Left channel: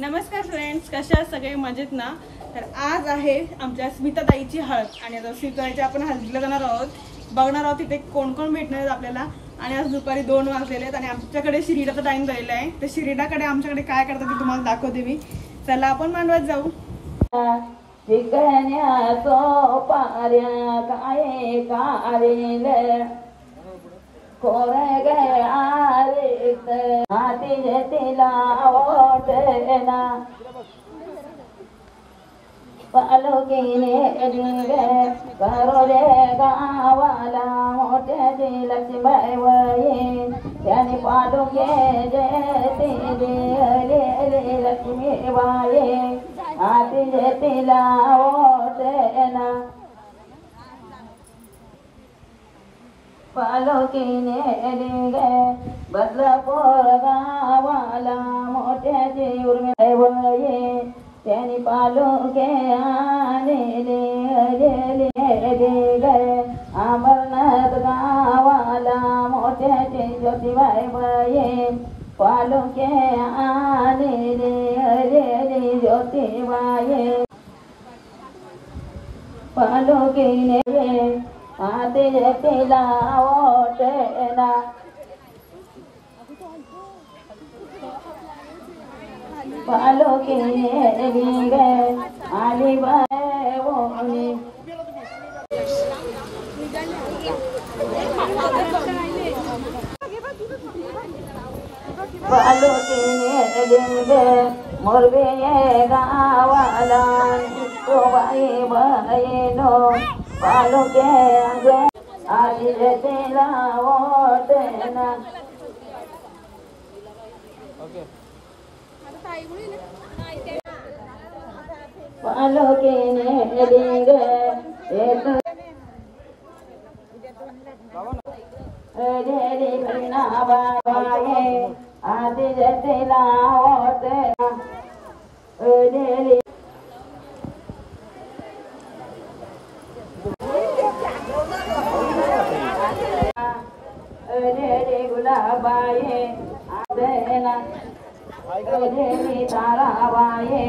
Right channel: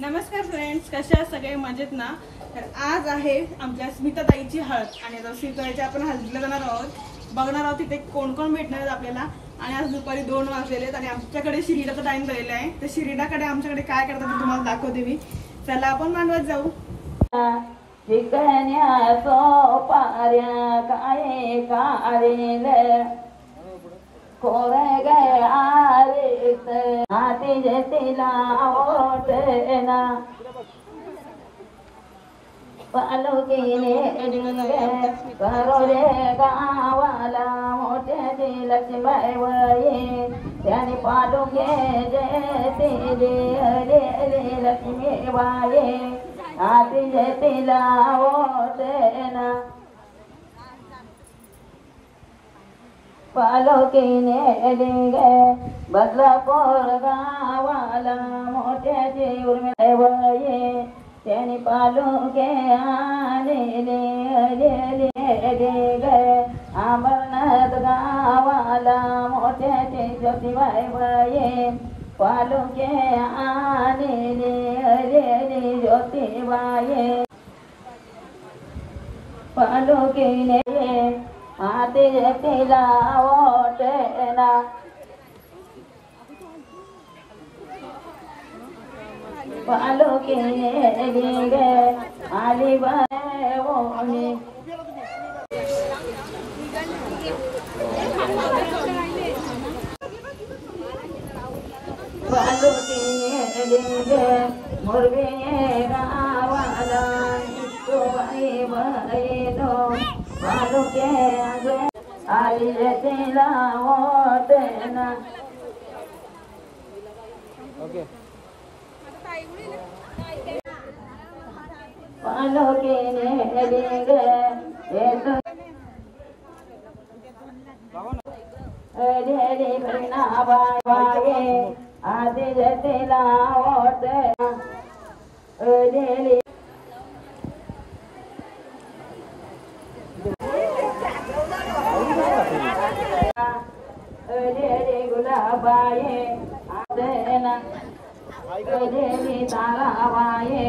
नमस्कार फ्रेंड्स, कशा आहात सगळे? मजेत ना? तर आज आहे आमच्या स्मिताताईची हळद आणि आता स्मिताताईच्या आपण हळदीला जाणार आहोत. बघणार आहोत तिथे कोण कोण भेटणार आहेत आपल्याला. आणि आज दुपारी 2 वाजलेले आहेत आणि आमच्याकडे शिरीडाचा टाइम झालेला आहे. तर शिरीडाकडे आमच्याकडे काय करतात ते तुम्हाला दाखवते मी. चला आपण मांडवात जाऊ. पालुकीने करोले गावाला मोठ्याची लक्ष्मीबाई वये त्याने पालुके जेते लक्ष्मीबाई हाती जेतीला ओटेना पालुकीने डिंगे बदलापूर गावाला मोठ्याची उर्मिळे वये त्याने पालुके आलेले गए अमरनाथ गावाला मोठ्याचे ज्योतिबाई बये पालुके आलेले ज्योतिबाई पालुकीने हाती तिला ओटेना पालुकीने डिंगे आली बाय ओणी पालुकीने डिंगे मोरबीने गावाला बाई बहिणो पालुके आली तिला ओटेना पालुकीने डिंगे बहिणा बाये आधी जतीला ओटेना गुलाबाये आदेना ताराबाये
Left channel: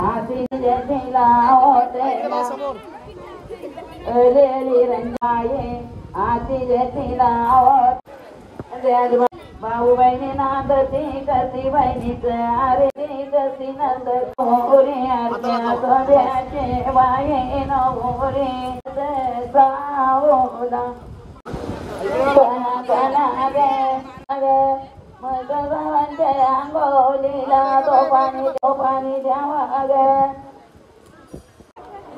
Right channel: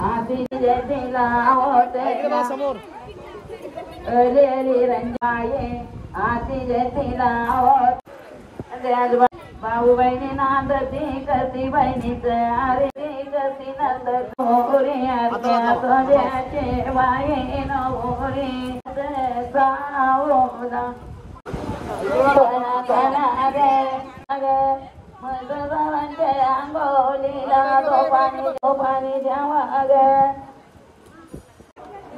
आधी जतीला ओटेना रंगाये आधी जतीला ओट भाऊ बहिणी नांदती कशी बहिणीच आरती कशी नंद मोरी अर्ध्या सोन्याचे बाई नवरी सावला मधुरवंते अंगोलीला दोपानी जेव्हा ग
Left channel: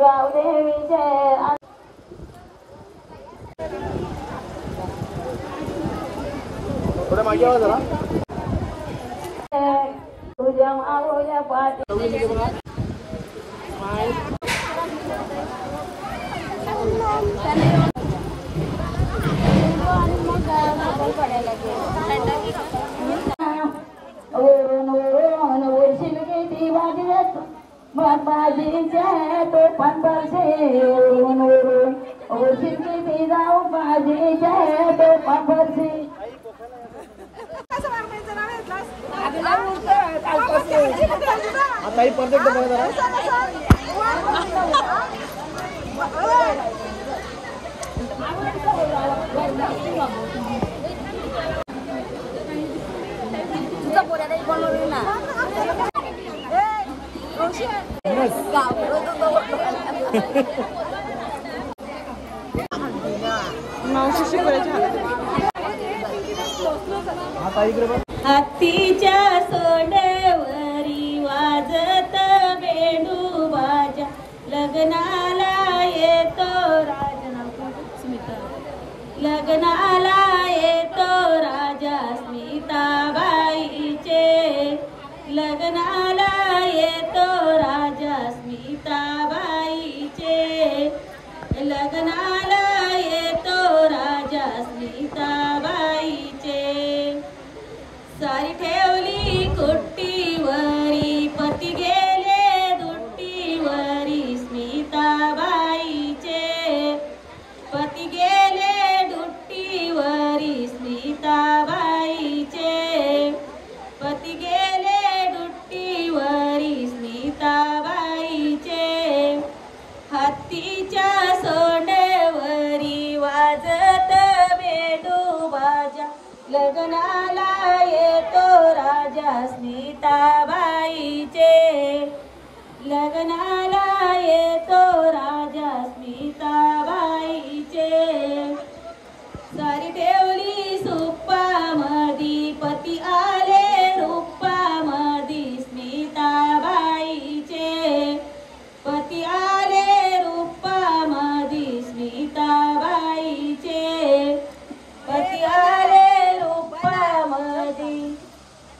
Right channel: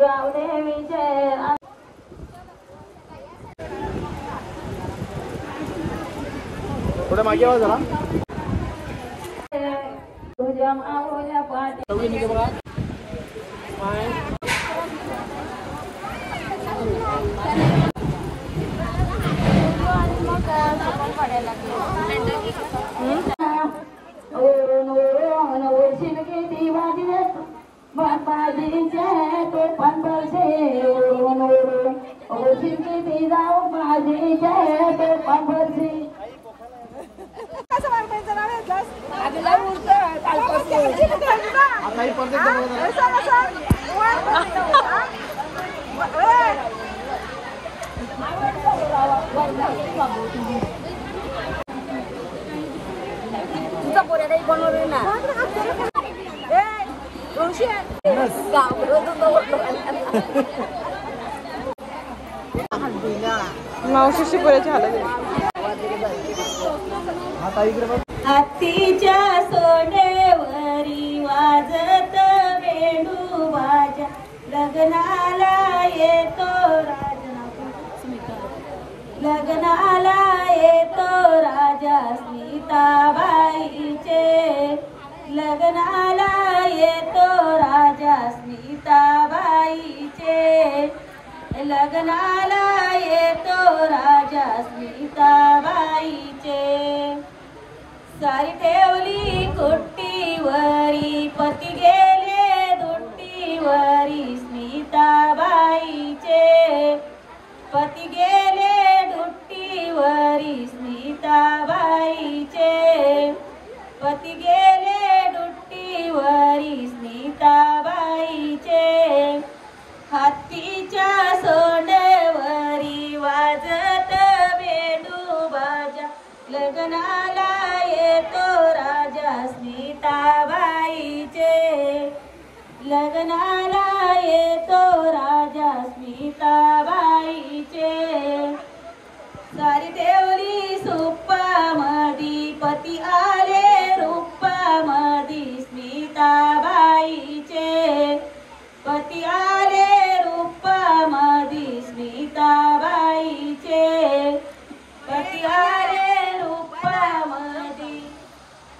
गावदेवीचे तुझ्या माऊल्या पाठी बाबाजीचे तो पंढरसे किती जाऊ बाजीचे तो पंढरसे आता ही परफेक्ट मावशीशी हत्तीच्या सोंडेवरी वाजत वेणू वाजा लग्नाला येतो राजा स्मिता लग्नाला येतो राजा स्मिताबाईचे लग्नाला येतो राजा स्मिताबाईचे लग्नाला येतो राजा स्मिताबाईचे सारी ठेवली कुट्टीवरी पती गेले दुट्टीवरी स्मिताबाईचे पती गेले दुट्टीवरी स्मिताबाईचे पती गेले दुट्टीवरी लग्नाला येतो राजा स्मिताबाईचे सारी ठेवली सुप्पामधी पती आले रूपामधी स्मिताबाईचे पती आले रूपामधी स्मिताबाईचे पती आले रूपामधी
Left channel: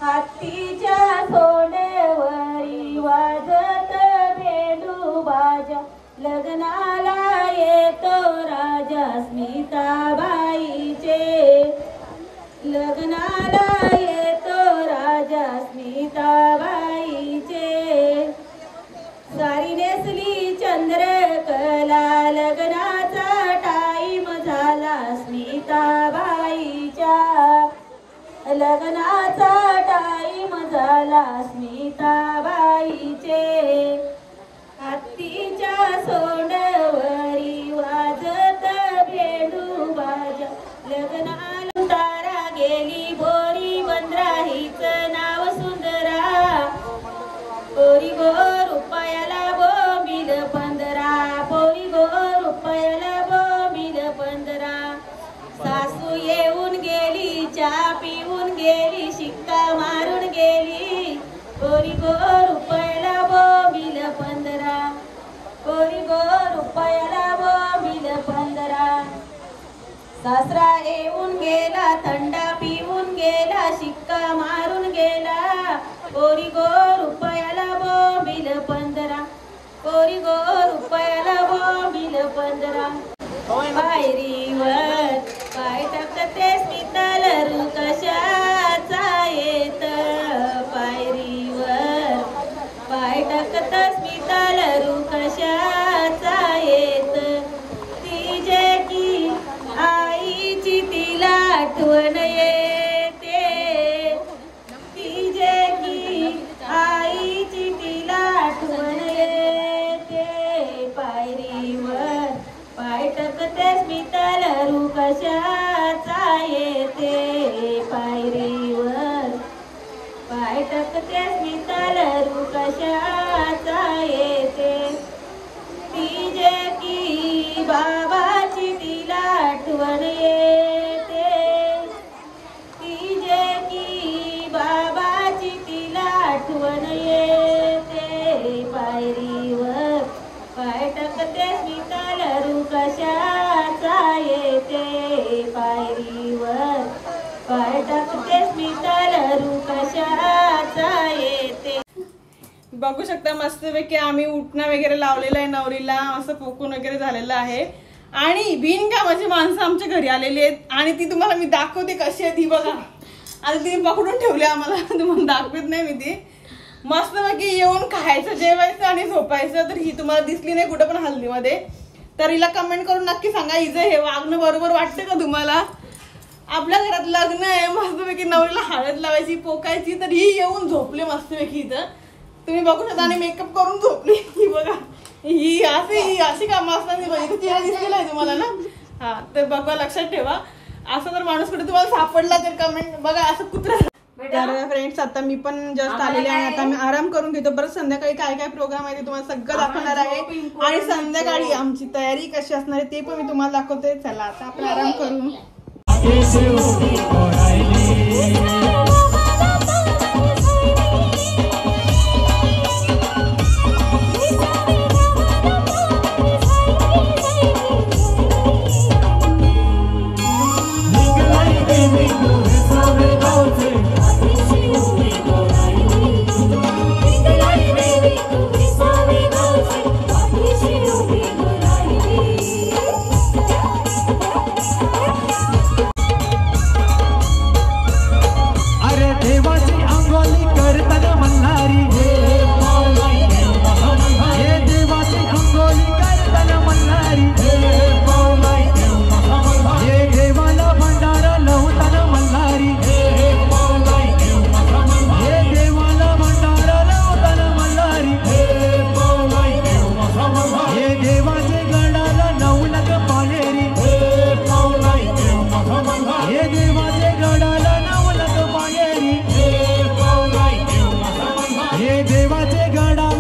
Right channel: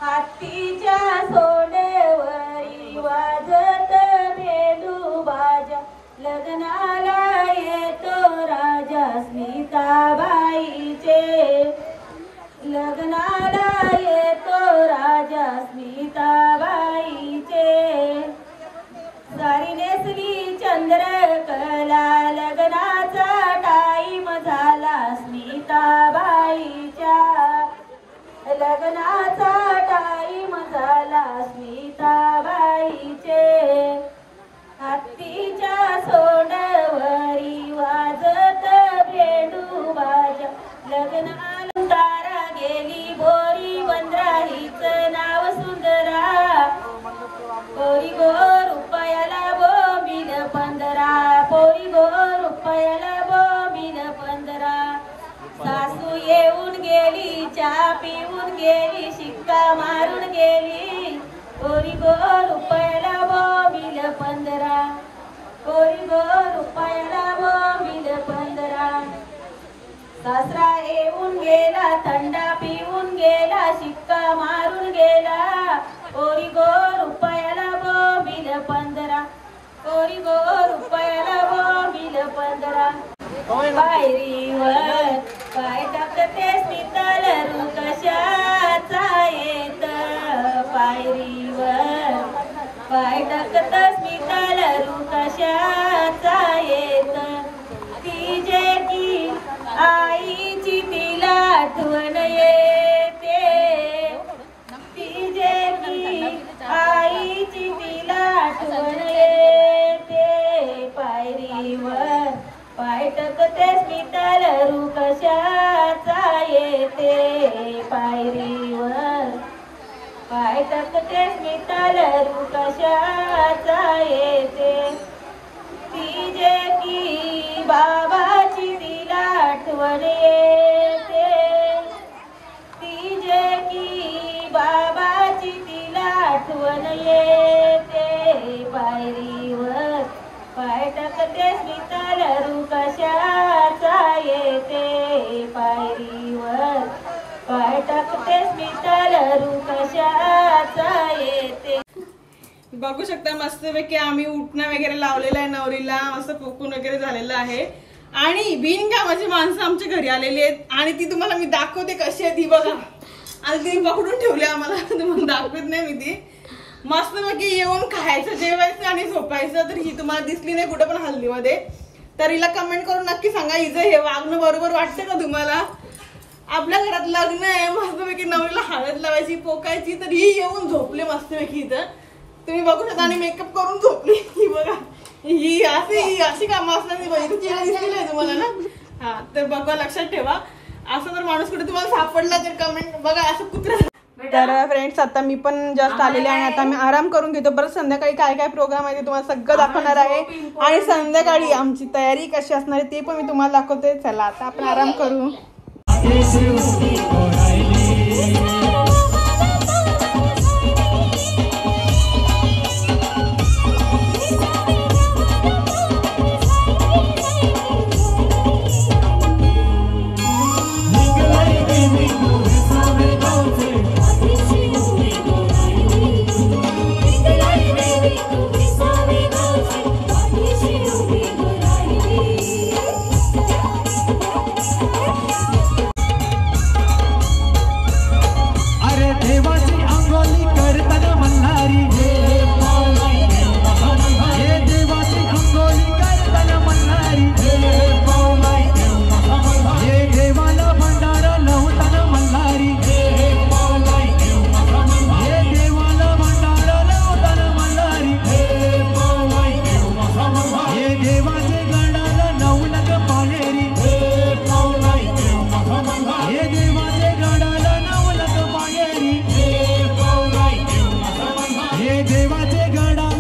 हत्तीच्या सोंडेवरी वाजत बेंदू बाजा लग्नाला येतो राजा स्मिताबाईचे लग्नाला येतो राजा स्मिताबाईचे सारी नेसली चंद्रकला लग्नाचा टाईम झाला स्मिताबाईच्या लग्नाचा टाईम झाला स्मिताबाईचे हत्तीच्या सोंडवरी वाजत बेंदू बाजा लग्नाला तारा गेली बोरी बंदराहीचं नाव सुंदरा पोरी गो रुपयाला बोंबील 15 पोरी गो रुपयाला बोंबील 15 सासू येऊन गेली चहा पिऊन गेली शिक्का मारून गेली पोरी गो रुपयाला बोंबील 15 पोरी गो रुपयाला बोंबील 15 सासरा येऊन गेला थंडा पिऊन गेला शिक्का मारून गेला पोरी गो रुपयाला बोंबील 15 पोरी गो रुपयाला बोंबील 15 पायरीवर पाय टाकते स्मितालरू कशाचा येत पायरीवर पाय टाकत स्मितालरू कशाचा येत तिचे ती आईची तिला आठवण येते तिचे ती आईची तिला आठवण येते पायरीवर पाय टाकते स्मितालरू कशाचा येते पायरीवर पाय टाकते स्मितालरू कशाचा येते तिचे की बाबाची तिला आठवण येते तिचे की बाबाची तिला आठवण येते पायरीवर पाय टाकते स्मितालरू कशाचा येते पायरीवर पाय टाकते स्मितालरू कशाचा येते बघू शकता मस्तपैकी आम्ही उठणं वगैरे लावलेलं आहे नवरीला असं पोकून वगैरे झालेलं आहे आणि बिनकामाची माणसं आमच्या घरी आलेली आहेत आणि ती तुम्हाला मी दाखवते कशी आहे ती बघा आणि ती पकडून ठेवली आम्हाला तुम्हाला दाखवत नाही मी ती मस्तपैकी येऊन खायचं जेवायचं आणि झोपायचं तर ही तुम्हाला दिसली नाही कुठं पण हल्दीमध्ये तर हिला कमेंट करून नक्की सांगा हिचं हे वागणं बरोबर वाटतं का तुम्हाला आपल्या घरात लग्न आहे मस्तपैकी नवरीला हळद लावायची पोकायची तर ही येऊन झोपले मस्तपैकी इथं तुम्ही बघू शकता आणि मेकअप करून झोपली ही बघा ही अशी कामं असतात दिसलेलं आहे तुम्हाला ना हा तर बघा लक्षात ठेवा असं जर माणूस कुठे तुम्हाला सापडला तर कमेंट बघा असं कुत्रा तर फ्रेंड्स आता मी पण जस्ट आलेले आहे आता मी आराम करून घेतो परत संध्याकाळी काय काय प्रोग्राम आहे ते तुम्हाला सगळं दाखवणार आहे आणि संध्याकाळी आमची तयारी कशी असणार आहे ते पण मी तुम्हाला दाखवते चला आता आपण आराम करू हे देवाचे गडा